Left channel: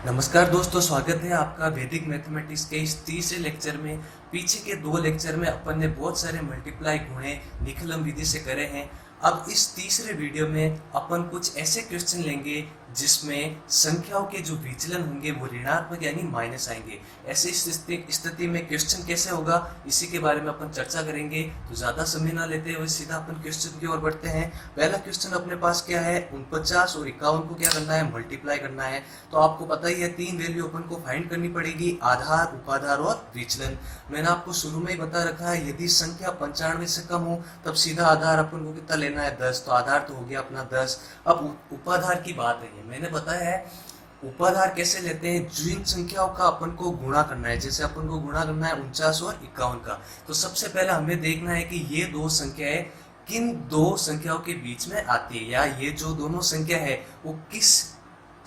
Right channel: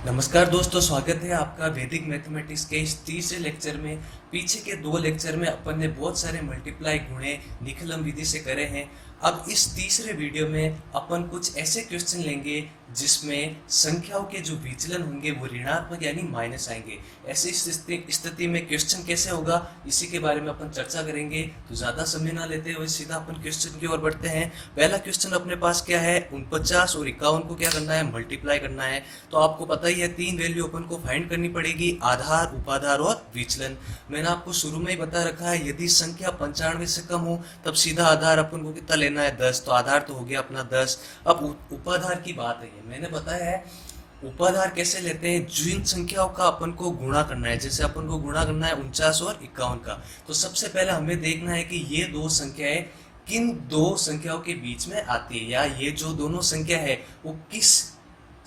नमस्कार दोस्तों, स्वागत है आपका वैदिक मैथमेटिक्स के इस तीसरे लेक्चर में। पीछे के दो लेक्चर में अपन ने बहुत सारे मल्टीप्लाई गुणे निकलन विधि से करे हैं। अब इस तीसरे वीडियो में अपन कुछ ऐसे क्वेश्चन लेंगे जिसमें संख्याओं के जो विचलन होंगे वो ऋणात्मक यानी माइनस आएंगे। ऐसी स्थिति में क्वेश्चन कैसे होगा इसी के बारे में अपन चर्चा करेंगे। तो ज़्यादा समय ना लेते हुए सीधा अपन क्वेश्चन की ओर बढ़ते हैं। पहला क्वेश्चन अपने पास क्या है, 49 और 51 को क्या करना है, मल्टीप्लाई करना है। तो आपको पता ही है तीन वैल्यू अपन को फाइंड करनी पड़ेगी, आधार, उपाधार और विचलन। मैंने आपको शुरू में ही बता रखा है यदि संख्या 95 से कम हो तब सीधा आधार अपन को कितना लेना है, 10। तो आधार तो हो गया अपना 10। अब उपाधार की बात है, मैंने बताया है उपाधार कैसे लेते हैं, जिन संख्याओं का अपन को गुणा करना है। जैसे अपन को गुणा करना है 49 और 51 का, तो सबसे पहले हमें देखना है कि ये दो संख्याएं किन दो संख्याओं के बीच में आती है, या ये जो दोनों संख्या है वो किस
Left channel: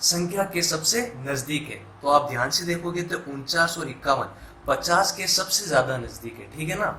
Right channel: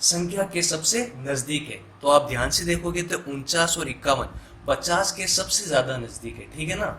संख्या के सबसे नजदीक है। तो आप ध्यान से देखोगे तो 49 और 51 50 के सबसे ज्यादा नजदीक है, ठीक है ना।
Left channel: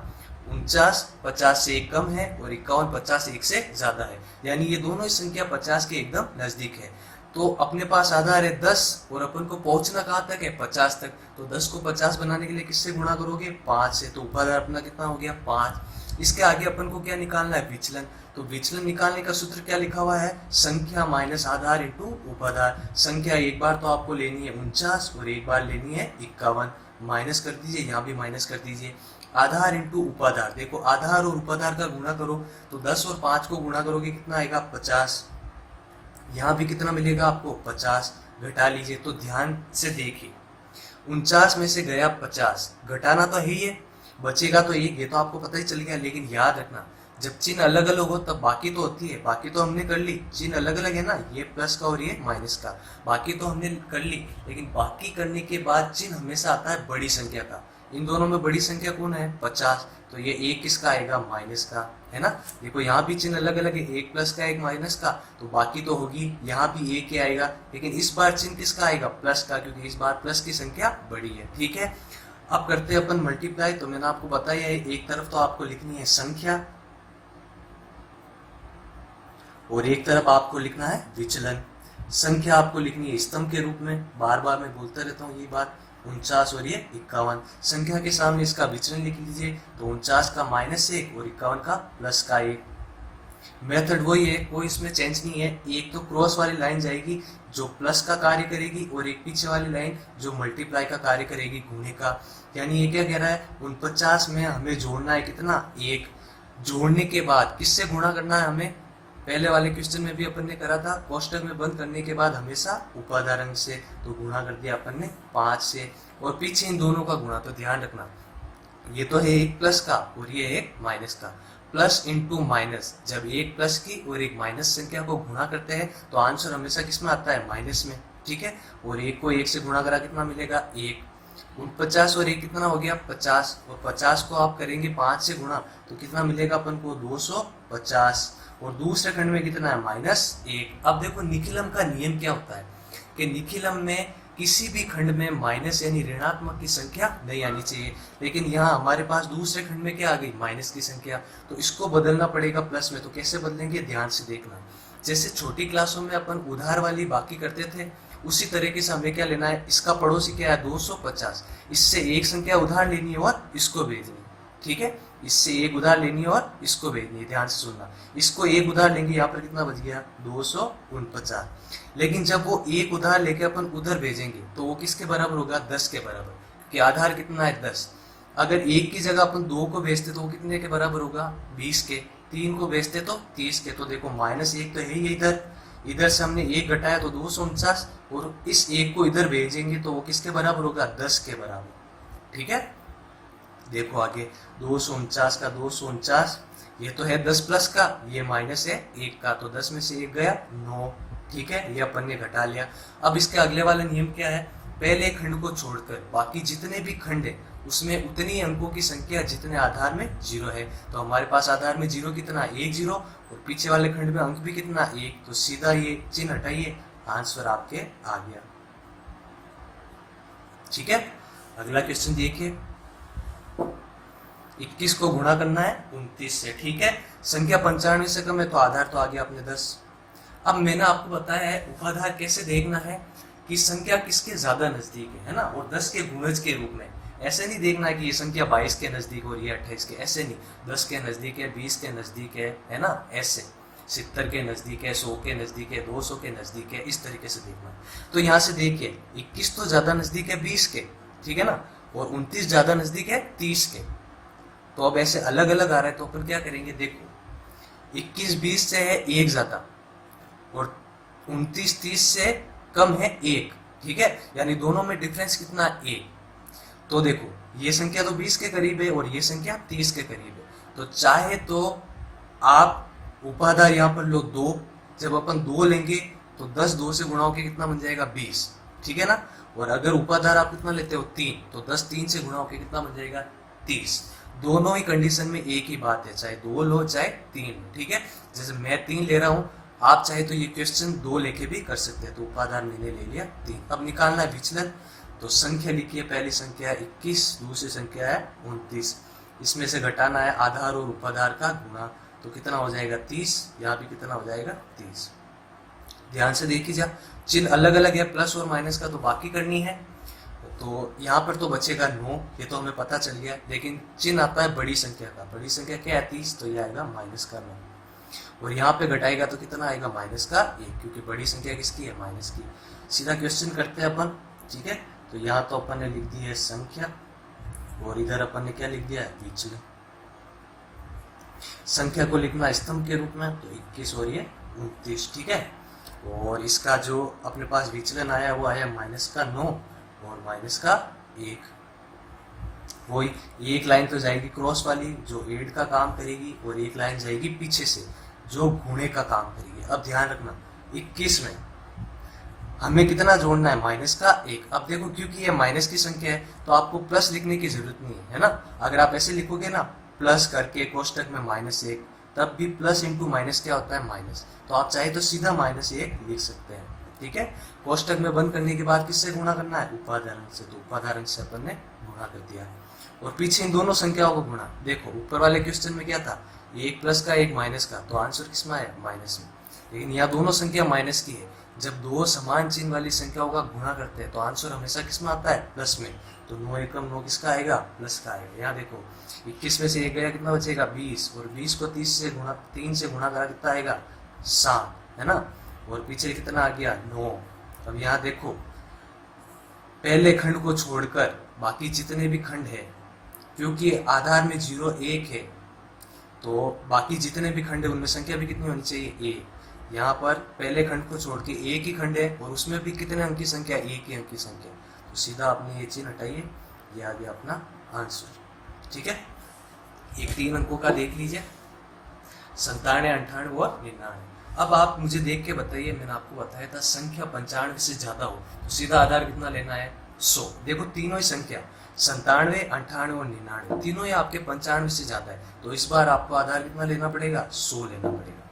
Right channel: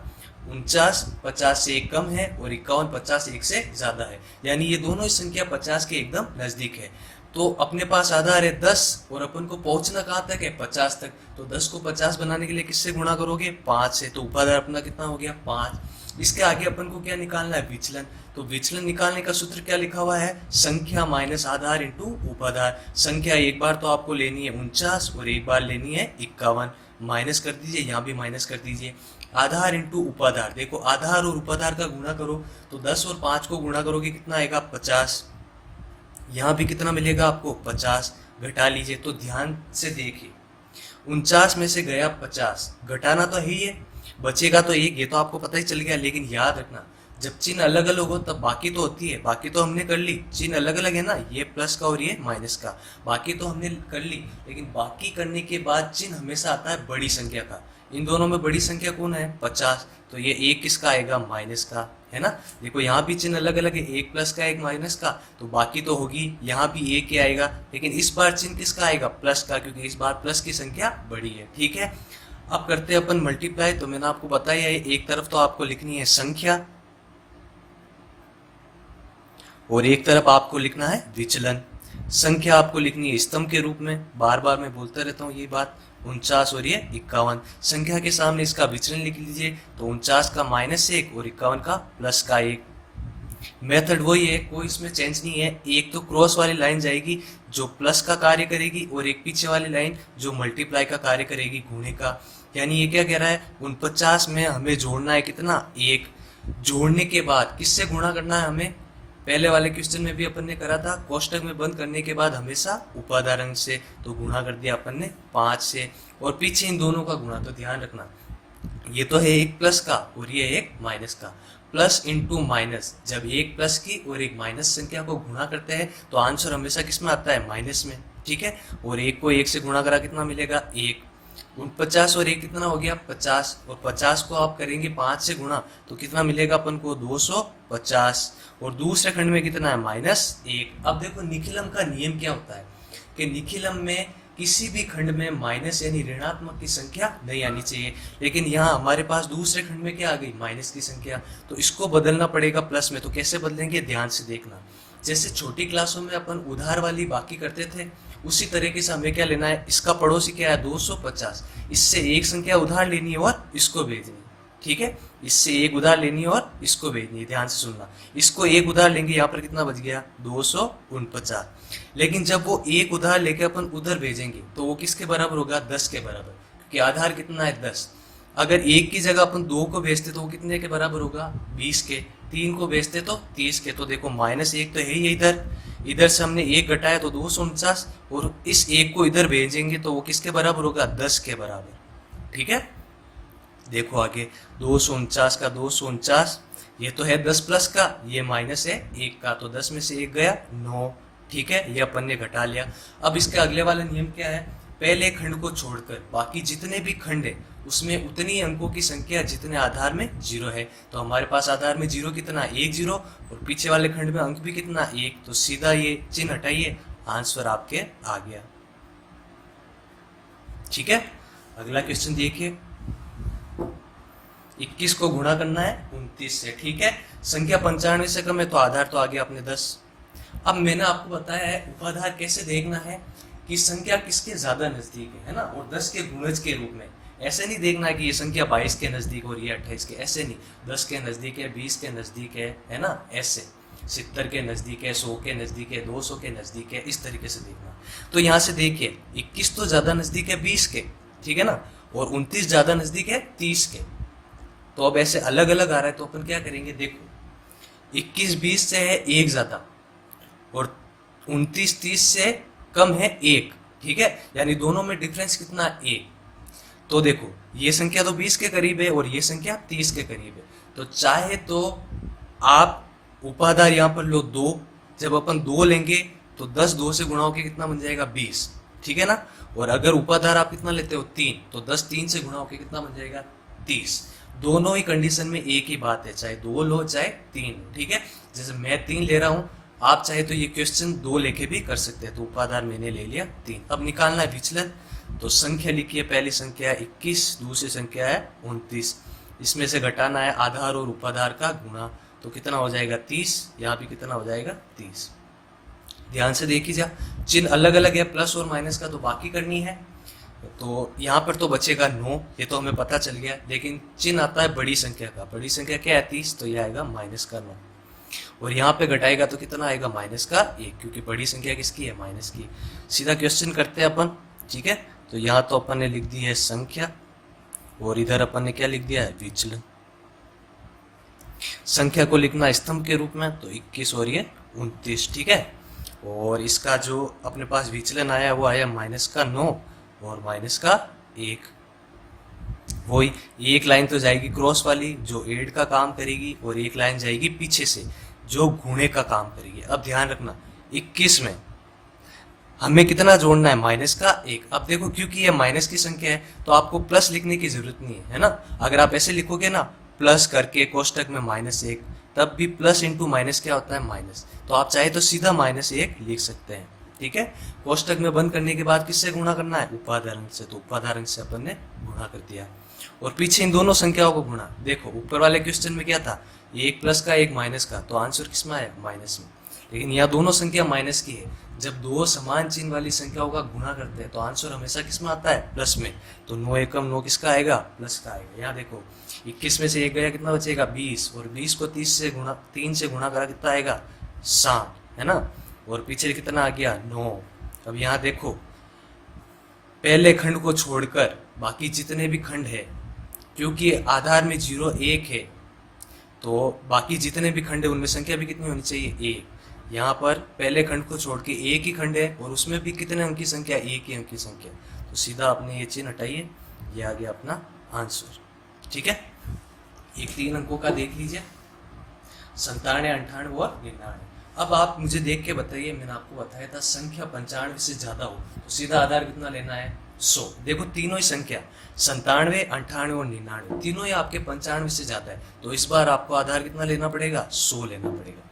49 50 से एक कम है और 51 50 से एक से ज्यादा है, यानी ये दोनों ही संख्या 50 के एकदम नजदीक है। तो अपने पास आधार है 10 और अपन को पहुंचना कहाँ तक है, 50 तक। तो 10 को 50 बनाने के लिए किससे गुणा करोगे, 5 से। तो उपाधार अपना कितना हो गया, 5। इसके आगे अपन को क्या निकालना है, विचलन। तो विचलन निकालने का सूत्र क्या लिखा हुआ है, संख्या माइनस आधार इंटू उपाधार। संख्या एक बार तो आपको लेनी है 49 और एक बार लेनी है 51। माइनस कर दीजिए, यहाँ भी माइनस कर दीजिए। आधार इंटू उपाधार, देखो आधार और उपाधार का गुणा करो तो 10 और 5 को गुणा करोगे कितना आएगा, 50। यहाँ भी कितना मिलेगा आपको, 50। घटा लीजिए, तो ध्यान से देखिए 49 में से गया 50, घटाना तो ही है, बचेगा तो एक, ये तो आपको पता ही चल गया। लेकिन याद रखना जब चिन्ह अलग अलग हो तब बाकी तो होती है, बाकी तो हमने कर ली। चिन्ह अलग अलग है ना, ये प्लस का और ये माइनस का, बाकी तो हमने कर ली। लेकिन बाकी करने के बाद चिन्ह हमेशा आता है बड़ी संख्या का। इन दोनों में बड़ी संख्या कौन है, 50। तो ये एक किसका आएगा, माइनस का, है ना। देखो यहाँ भी चिन्ह अलग अलग है, एक प्लस का एक माइनस का, तो बाकी तो होगी। यहाँ भी एक ही आएगा, लेकिन इस बार चिन्ह किसका आएगा, प्लस का, क्योंकि इस बार प्लस की संख्या बड़ी है, ठीक है। अब करते हैं अपन मल्टीप्लाई। तो मैंने आपको बताया है एक तरफ तो आपको लिखनी है संख्या और एक तरफ आपको लिखना है विचलन। संख्या आपको लिखनी है स्तंभ के रूप में, बार बार मैं बोलता रहता हूँ ये बात। 49 और ये 51, संख्या के सामने इसका विचलन लिख लीजिए। तो 49 का -1 और 51 का +1। मेथड वही है, कोई इसमें चेंज नहीं है। एक तो क्रॉस वाली लाइन जाएगी जो प्लस का कार्य करेगी, और एक पीछे वाली लाइन जो मल्टीप्लाई का कार्य करेगी, गुणे का। यानी ये क्या कह रहा है, 49 में हमें जोड़ना है कितना, 1। जोड़ने के बाद किससे गुणा करना है हमें, पहले वाले क्वेश्चन में भी अपन ने करा था, कोष्टक में बंद करने के बाद हमेशा उपाधार अंक से। तो गुणा कर दिया अपन ने 5 से, और पीछे इन दोनों का गुणा। तो ध्यान रखना ये तो है एक प्लस का और ये एक माइनस का। प्लस इंटू माइनस, जब एक प्लस की और एक माइनस संख्या को गुणा करते हैं तो आंसर हमेशा किस में आता है, माइनस में, ठीक है। और एक को एक से गुणा करा कितना मिलेगा, 1। 49 और एक कितना हो गया, 50। और 50 को आप करेंगे 5 से गुणा तो कितना मिलेगा अपन को, 250। और दूसरे खंड में कितना है, -1। अब देखो निखिलम का नियम क्या होता है कि निखिलम में किसी भी खंड में माइनस यानी ऋणात्मक की संख्या नहीं आनी चाहिए। लेकिन यहाँ हमारे पास दूसरे खंड में क्या आ गई, माइनस की संख्या। तो इसको बदलना पड़ेगा प्लस में। तो कैसे बदलेंगे, ध्यान से देखना। जैसे छोटी क्लासों में अपन उधार वाली बाकी करते थे, उसी तरीके से हमें क्या लेना है, इसका पड़ोसी क्या है, 250। इससे एक संख्या उधार लेनी है और इसको भेजनी, ठीक है। इससे एक उधार लेनी है और इसको भेजनी है, ध्यान से सुनना। इसको एक उधार लेंगे, यहाँ पर कितना बच गया, 249। लेकिन जब वो एक उधार लेके अपन उधर भेजेंगे तो वो किसके बराबर होगा, 10 के बराबर, क्योंकि आधार कितना है, 10। अगर एक की जगह अपन 2 को भेजते तो वो कितने के बराबर होगा, 20 के। 3 को भेजते तो 30 के। तो देखो -1 तो है ही इधर, इधर से हमने एक घटाया तो 249, और इस एक को इधर भेजेंगे तो वो किसके बराबर होगा, 10 के बराबर, ठीक है। देखो आगे 249 का 249, ये तो है 10 प्लस का, ये माइनस है 1 का, तो 10 में से 1 गया 9, ठीक है। ये अपन ने घटा लिया। अब इसके अगले वाला नियम क्या है, पहले खंड को छोड़कर बाकी जितने भी खंड है उसमें उतनी अंकों की संख्या जितने आधार में 0 है। तो हमारे पास आधार में 0 कितना, 1 0, और पीछे वाले खंड में अंक भी कितना, 1। तो सीधा ये चिन्ह हटाइए, आंसर आपके आ गया, ठीक है। अगला क्वेश्चन देखिए, 21 को गुणा करना है 29 से, ठीक है। संख्या 95 से कम है तो आधार तो आ गया अपने 10। अब मैंने आपको बताया है उपाधार कैसे देखना है, कि संख्या किसके ज्यादा नजदीक है ना, और 10 के गुणज के रूप में। ऐसे नहीं देखना कि ये संख्या 22 के नजदीक हो रही है 28 के, ऐसे नहीं। 10 के नजदीक है, 20 के नजदीक है ना, ऐसे 70 के नजदीक है, 100 के नजदीक है, 200 के नजदीक है, इस तरीके से देखना। तो यहाँ से देखिए 21 तो ज्यादा नजदीक है 20 के, ठीक है ना, और 29 ज्यादा नजदीक है 30 के। तो अब ऐसे अलग अलग आ रहा है तो अपन क्या करेंगे, देखो 21 20 से है 1 ज्यादा, और 29 30 से कम है 1, ठीक है, यानी दोनों में डिफरेंस कितना, 1। तो देखो ये संख्या तो 20 के करीब है और ये संख्या 30 के करीब है, तो चाहे तो आप उपाधार यहाँ पर लो 2, जब अपन 2 लेंगे तो 10 2 से गुणा होकर कितना बन जाएगा 20, ठीक है ना, और अगर उपाधार आप कितना लेते हो 3, तो 10 3 से गुणा होकर कितना बन जाएगा 30। दोनों ही कंडीशन में एक ही बात है, चाहे 2 लो चाहे 3, ठीक है। जैसे मैं 3 ले रहा हूँ, आप चाहे तो ये क्वेश्चन 2 लेके भी कर सकते हैं, तो उपाधार मैंने ले लिया 3। अब निकालना है विचलन, तो संख्या लिखिए, पहली संख्या है 21, दूसरी संख्या है 29, इसमें से घटाना है आधार और उपाधार का गुना, तो कितना हो जाएगा 30, यहाँ भी कितना हो जाएगा 30। ध्यान से देखिए, चिन्ह अलग अलग है, प्लस और माइनस का तो बाकी करनी है। तो यहाँ पर तो बचेगा 9, ये तो हमें पता चल गया, लेकिन चिन्ह आता है बड़ी संख्या का। बड़ी संख्या क्या है 30, तो ये आएगा माइनस का 9, और यहाँ पे घटाएगा तो कितना आएगा माइनस का 1, क्योंकि बड़ी संख्या किसकी है, माइनस की। सीधा क्वेश्चन करते हैं अपन, ठीक है। तो यहाँ तो अपन ने लिख दी है संख्या, और इधर अपन ने क्या लिख दिया है, विचलन। संख्या को लिखना स्तंभ के रूप में, तो 21 और ये 29, ठीक है। और इसका जो अपने पास विचलन आया वो आया माइनस का 9 और माइनस का 1। वही एक लाइन तो जाएगी क्रॉस वाली जो एड का काम करेगी, और एक लाइन जाएगी पीछे से जो गुणे का काम करेगी। अब ध्यान रखना 21 में हमें कितना जोड़ना है, माइनस का 1। अब देखो क्योंकि ये माइनस की संख्या है तो आपको प्लस लिखने की जरूरत नहीं है ना। अगर आप ऐसे लिखोगे ना, प्लस करके कोष्टक में -1, तब भी प्लस इंटू माइनस क्या होता है, माइनस। तो आप चाहे तो सीधा -1 लिख सकते हैं, ठीक है। कोष्टक में बंद करने के बाद किससे गुणा करना है, उपाधारण से, तो उपाधारण से अपन ने गुणा कर दिया, और पीछे इन दोनों संख्याओं को गुणा। देखो ऊपर वाले क्वेश्चन में क्या था, 1 प्लस का 1 माइनस का, तो आंसर किसमें है, माइनस में। लेकिन यहाँ दोनों संख्या माइनस की है, जब दो समान चिन्ह वाली संख्याओं का गुणा करते हैं तो आंसर हमेशा किसमें आता है, प्लस में। तो 9 एकम 9 किसका आएगा, प्लस का आएगा। यहाँ देखो 21 में से 1 गया, कितना बचेगा 20, और 20 को 3 से गुणा करा कितना आएगा 7, है ना, और पीछे कितना आ गया 9। अब यहाँ देखो पहले खंड को छोड़कर बाकी जितने भी खंड है, क्योंकि आधार में 0 1 है, तो बाकी जितने भी खंड है उनमें संख्या भी कितनी होनी चाहिए, 1। यहाँ पर पहले खंड को छोड़ के एक ही खंड है, और उसमें भी कितने अंक की संख्या, 1 ही अंक की संख्या। तो सीधा आपने ये चिन्ह हटाइए, ये आ गया अपना आंसर, ठीक है। ये 3 अंकों का देख लीजिए, 97, 98 और 99। अब आप मुझे देख के बताइए, मैंने आपको बताया था संख्या 95 से ज्यादा हो तो सीधा आधार कितना लेना है, 100। देखो तीनों ही संख्या 97, 98 और 99 तीनों ही आपके 95 से ज्यादा है, तो इस बार आपको आधार कितना लेना पड़ेगा, 100 लेना पड़ेगा।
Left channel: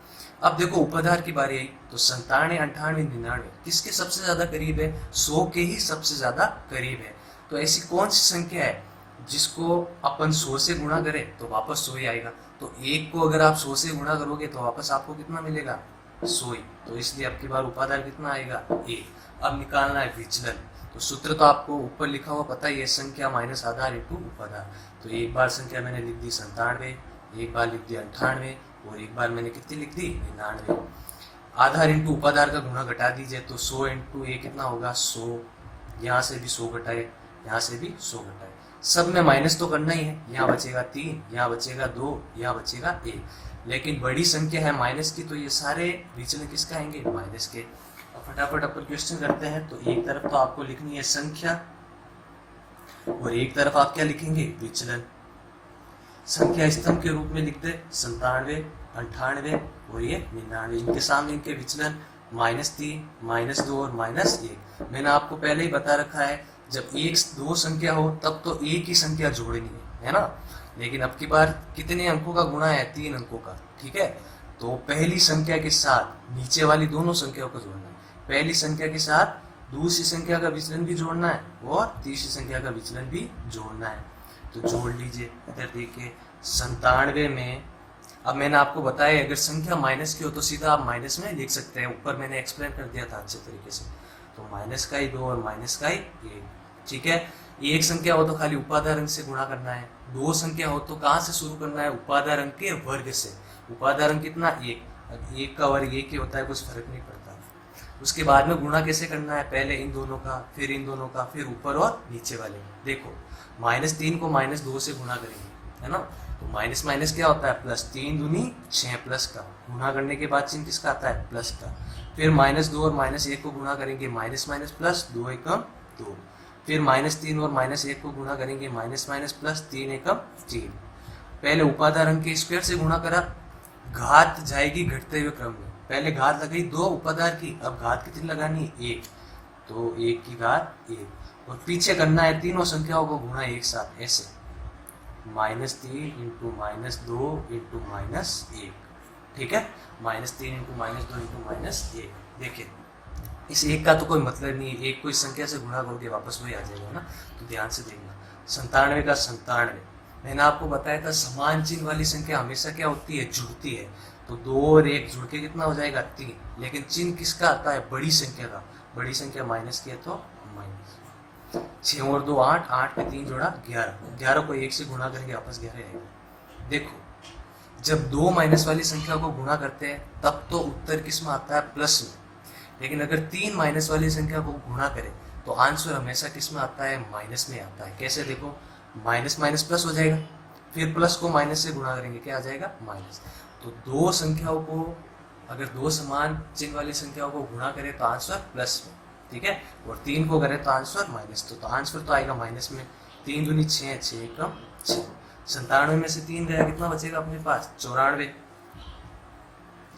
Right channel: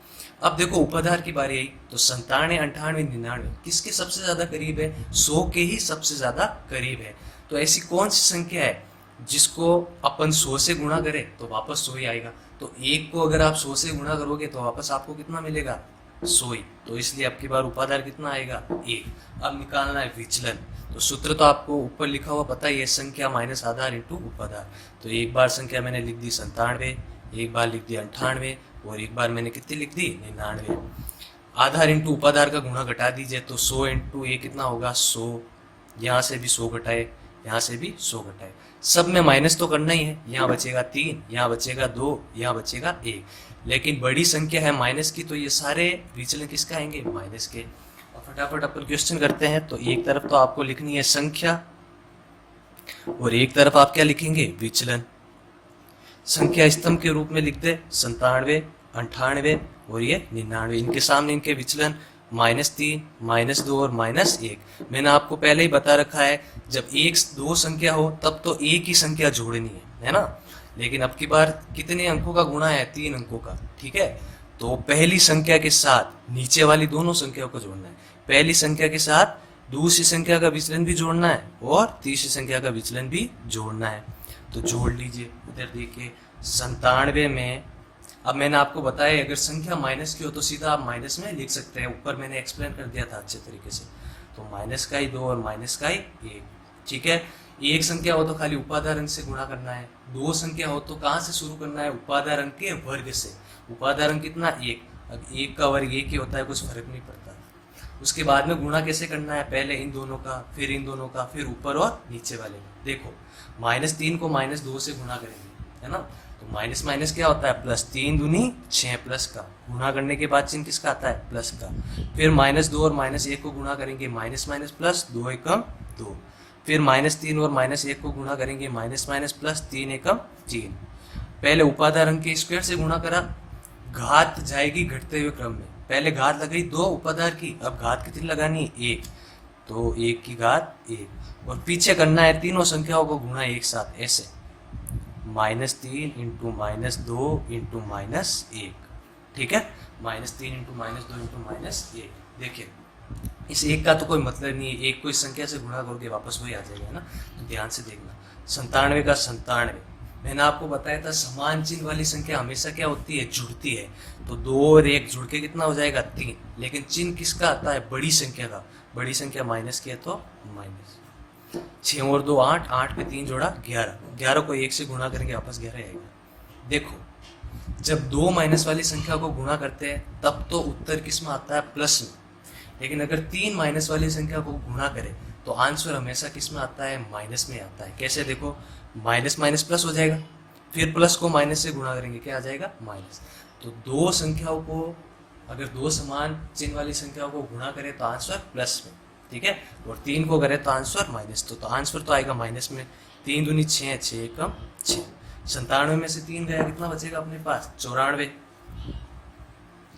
अब देखो उपाधार की बारी आई, तो 97, 98, 99 किसके सबसे ज्यादा करीब है, 100 के ही सबसे ज्यादा करीब है। तो ऐसी कौन सी संख्या है जिसको अपन 100 से गुणा करें तो वापस 100 ही आएगा। तो 1 को अगर आप 100 से गुणा करोगे तो वापस आपको कितना मिलेगा, 100 ही। तो इसलिए आपकी बार उपाधार कितना आएगा, 1। अब निकालना है विचलन, तो सूत्र तो आपको ऊपर लिखा हुआ पता ही है, संख्या माइनस आधार इंटू उपाधार। तो एक बार संख्या मैंने लिख दी 97, एक बार लिख दी 98, और एक बार मैंने कितनी लिख दी, 99। आधार इंटू उपाधार का गुणा घटा दीजिए, तो 100 इंटू 1 कितना होगा, 100। यहाँ से भी 100 घटाए, यहाँ से भी 100 घटाए, सब में माइनस तो करना ही है। यहाँ बचेगा 3, यहाँ बचेगा 2, यहाँ बचेगा 1। लेकिन बड़ी संख्या है माइनस की, तो ये सारे विचलन किसका आएंगे, माइनस के। अब फटाफट अपन क्वेश्चन करते हैं। तो एक तरफ तो आपको लिखनी है संख्या, और एक तरफ आप क्या लिखेंगे, विचलन। संख्या स्तंभ के रूप में लिख दे 97, 98 और ये 99। इनके सामने इनके विचलन -3, -2 और -1। मैंने आपको पहले ही बता रखा है, जब 1 2 संख्या हो तब तो एक ही संख्या जोड़नी है ना। लेकिन अब की बार कितने अंकों का गुणा है, 3 अंकों का, ठीक है। तो पहली संख्या के साथ नीचे वाली दोनों संख्याओं को जोड़ना है, पहली संख्या के साथ दूसरी संख्या का विचलन भी जोड़ना है, और तीसरी संख्या का विचलन भी जोड़ना है। तो जोड़ लीजिए। इधर देखिए 97 में, अब मैंने आपको बताया अगर संख्या माइनस की हो तो सीधा आप माइनस में लिख सकते हैं, ऊपर मैंने एक्सप्लेन कर दिया था अच्छे तरीके से। तो माइनस का ही 2 और माइनस का ही 1। ठीक है, एक संख्या हो तो खाली उपादार अंक से गुणा करना है, दो संख्या हो तो कहाँ से शुरू करना है, उपादार अंक के वर्ग से। उपादार अंक कितना, 1। अब 1 का वर्ग 1 ही होता है, कुछ फर्क नहीं पड़ता। उसके बाद में गुणा कैसे करना है, पहले इन दोनों का, फिर इन दोनों का, फिर ऊपर और नीचे वाले। देखो -3 को -2 से गुणा करेंगे, है ना, तो माइनस माइनस क्या होता है प्लस, 3 दूनी 6 प्लस का, गुणा करने के बाद चिन्ह किसका आता है, प्लस का। फिर -2 और -1 को गुणा करेंगे, माइनस माइनस प्लस, 2 एकम 2। फिर -3 और -1 को गुणा करेंगे, माइनस माइनस प्लस, 3 एकम 3। पहले उपादार अंक के स्क्वायर से गुणा करा, घात जाएगी घटते हुए क्रम में। पहले घात लगाई 2 उपादार की, अब घात कितनी लगानी है, 1, तो 1 की घात 1। और पीछे करना है तीनों संख्याओं को गुणा एक साथ, ऐसे -3 इंटू -2 इंटू -1। ठीक है, -3 इंटू -2 इंटू -1। देखिए इस 1 का तो कोई मतलब नहीं है, 1 को इस संख्या से गुणा करके वापस वही आ जाएगा ना, तो ध्यान से देखना। 97 का 97, मैंने आपको बताया था समान चिन्ह वाली संख्या हमेशा क्या होती है, जुड़ती है। तो 2 और 1 जुड़ के कितना हो जाएगा, 3। लेकिन चिन्ह किसका आता है, बड़ी संख्या का। बड़ी संख्या माइनस की है तो माइनस। 6 और 2 8, 8 पे 3 जोड़ा 11, 11 को 1 से गुणा करेंगे वापस 11 आएगा। देखो जब 2 माइनस वाली संख्या को गुणा करते हैं तब तो उत्तर किस में आता है, प्लस में। लेकिन अगर 3 माइनस वाली संख्या को गुणा करें तो आंसर हमेशा किस में आता है, माइनस में आता है। कैसे, देखो माइनस माइनस प्लस हो जाएगा, फिर प्लस को माइनस से गुणा करेंगे, क्या आ जाएगा, माइनस। तो दो संख्याओं को, अगर 2 समान चिन्ह वाली संख्याओं को गुणा करें तो आंसर प्लस में, ठीक है, और 3 को करें तो आंसर माइनस। तो आंसर तो आएगा माइनस में। 3 दूनी 6, 6 एकम 6। 97 में से 3 गया, कितना बचेगा अपने पास, 94।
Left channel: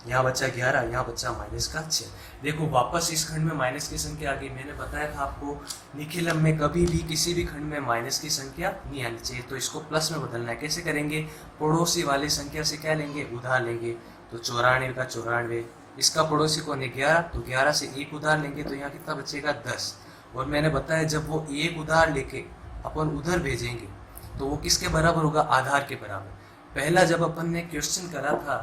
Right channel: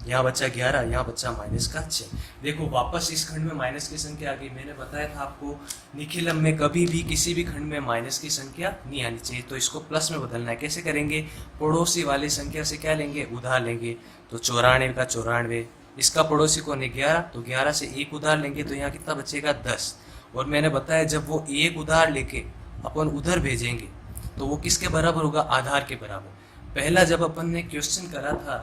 यहाँ बचा 11, यहाँ बचा माइनस का 6। देखो वापस इस खंड में माइनस की संख्या आ गई। मैंने बताया था आपको निखिलम में कभी भी किसी भी खंड में माइनस की संख्या नहीं आनी चाहिए, तो इसको प्लस में बदलना है। कैसे करेंगे, पड़ोसी वाली संख्या से क्या लेंगे, उधार लेंगे। तो 94 का 94, इसका पड़ोसी कौन है, 11, तो 11 से 1 उधार लेंगे, तो यहाँ कितना बचेगा, 10। और मैंने बताया जब वो 1 उधार लेके अपन उधर भेजेंगे तो वो किसके बराबर होगा, आधार के बराबर। पहला जब अपन ने क्वेश्चन करा था,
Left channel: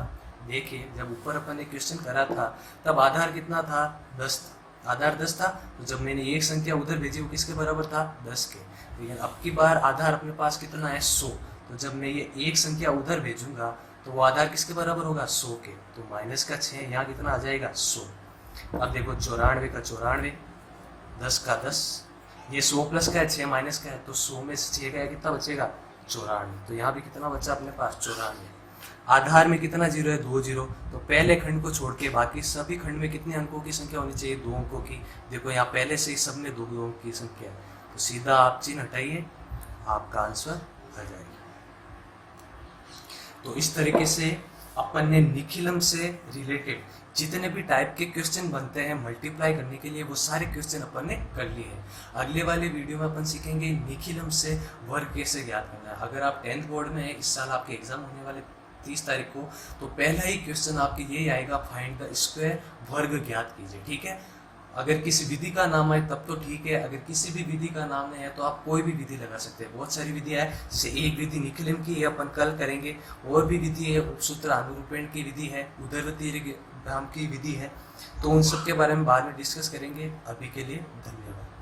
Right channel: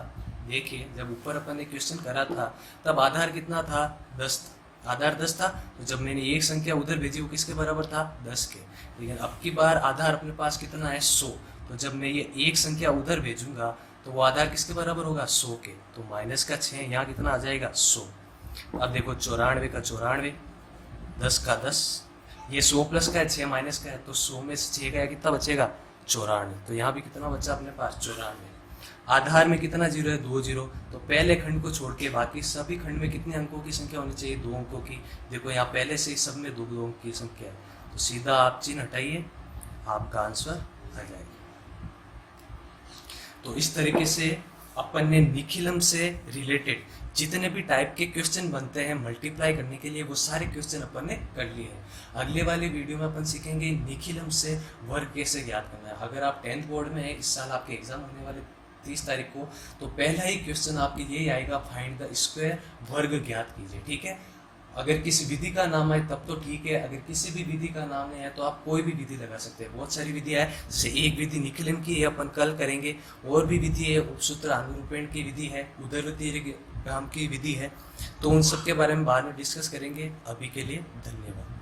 देखिए जब ऊपर अपन ने क्वेश्चन करा था तब आधार कितना था, 10, आधार 10 था। तो जब मैंने एक संख्या उधर भेजी वो किसके बराबर था, 10 के। लेकिन अब की बार आधार अपने पास कितना है, 100। तो जब मैं ये एक संख्या उधर भेजूंगा तो वो आधार किसके बराबर होगा, 100 के। तो माइनस का 6, यहाँ कितना आ जाएगा, 100। अब देखो 94 का 94, 10 का 10, ये 100 प्लस का है, 6 माइनस का है, तो 100 में से 6 का कितना बचेगा, 94। तो यहाँ भी कितना बचा अपने पास, 94। आधार में कितना जीरो है, 2 जीरो। तो पहले खंड को छोड़ के बाकी सभी खंड में कितने अंकों की संख्या होनी चाहिए, 2 अंकों की। देखो यहाँ पहले से ही सब में 2 अंकों की संख्या है, तो सीधा आप चिन्ह हटाइए, आपका आंसर आ जाएगा। तो इस तरीके से अपन ने निखिलम से रिलेटेड जितने भी टाइप के क्वेश्चन बनते हैं मल्टीप्लाई करने के लिए, वो सारे क्वेश्चन अपन ने कर लिए हैं। अगले वाले वीडियो में अपन सीखेंगे निखिलम से वर्ग कैसे ज्ञात करना है। अगर आप 10th बोर्ड में है, इस साल आपके एग्जाम होने वाले 30 तारीख को, तो पहला ही क्वेश्चन आपके यही आएगा, फाइंड द स्क्वायर, वर्ग ज्ञात कीजिए। ठीक है, अगर किसी विधि का नाम है तब तो ठीक है, अगर किसी भी विधि का नाम नहीं है तो आप कोई भी विधि लगा सकते हैं। बहुत सारी विधियां है, जैसे एक विधि निखिलम की है, अपन कल करेंगे। और भी विधि है, उपसूत्र अनुरूपण की विधि है, उदरवती की विधि है, तो उन सब के बारे में बाद में डिस्कस करेंगे। अभी के लिए धन्यवाद।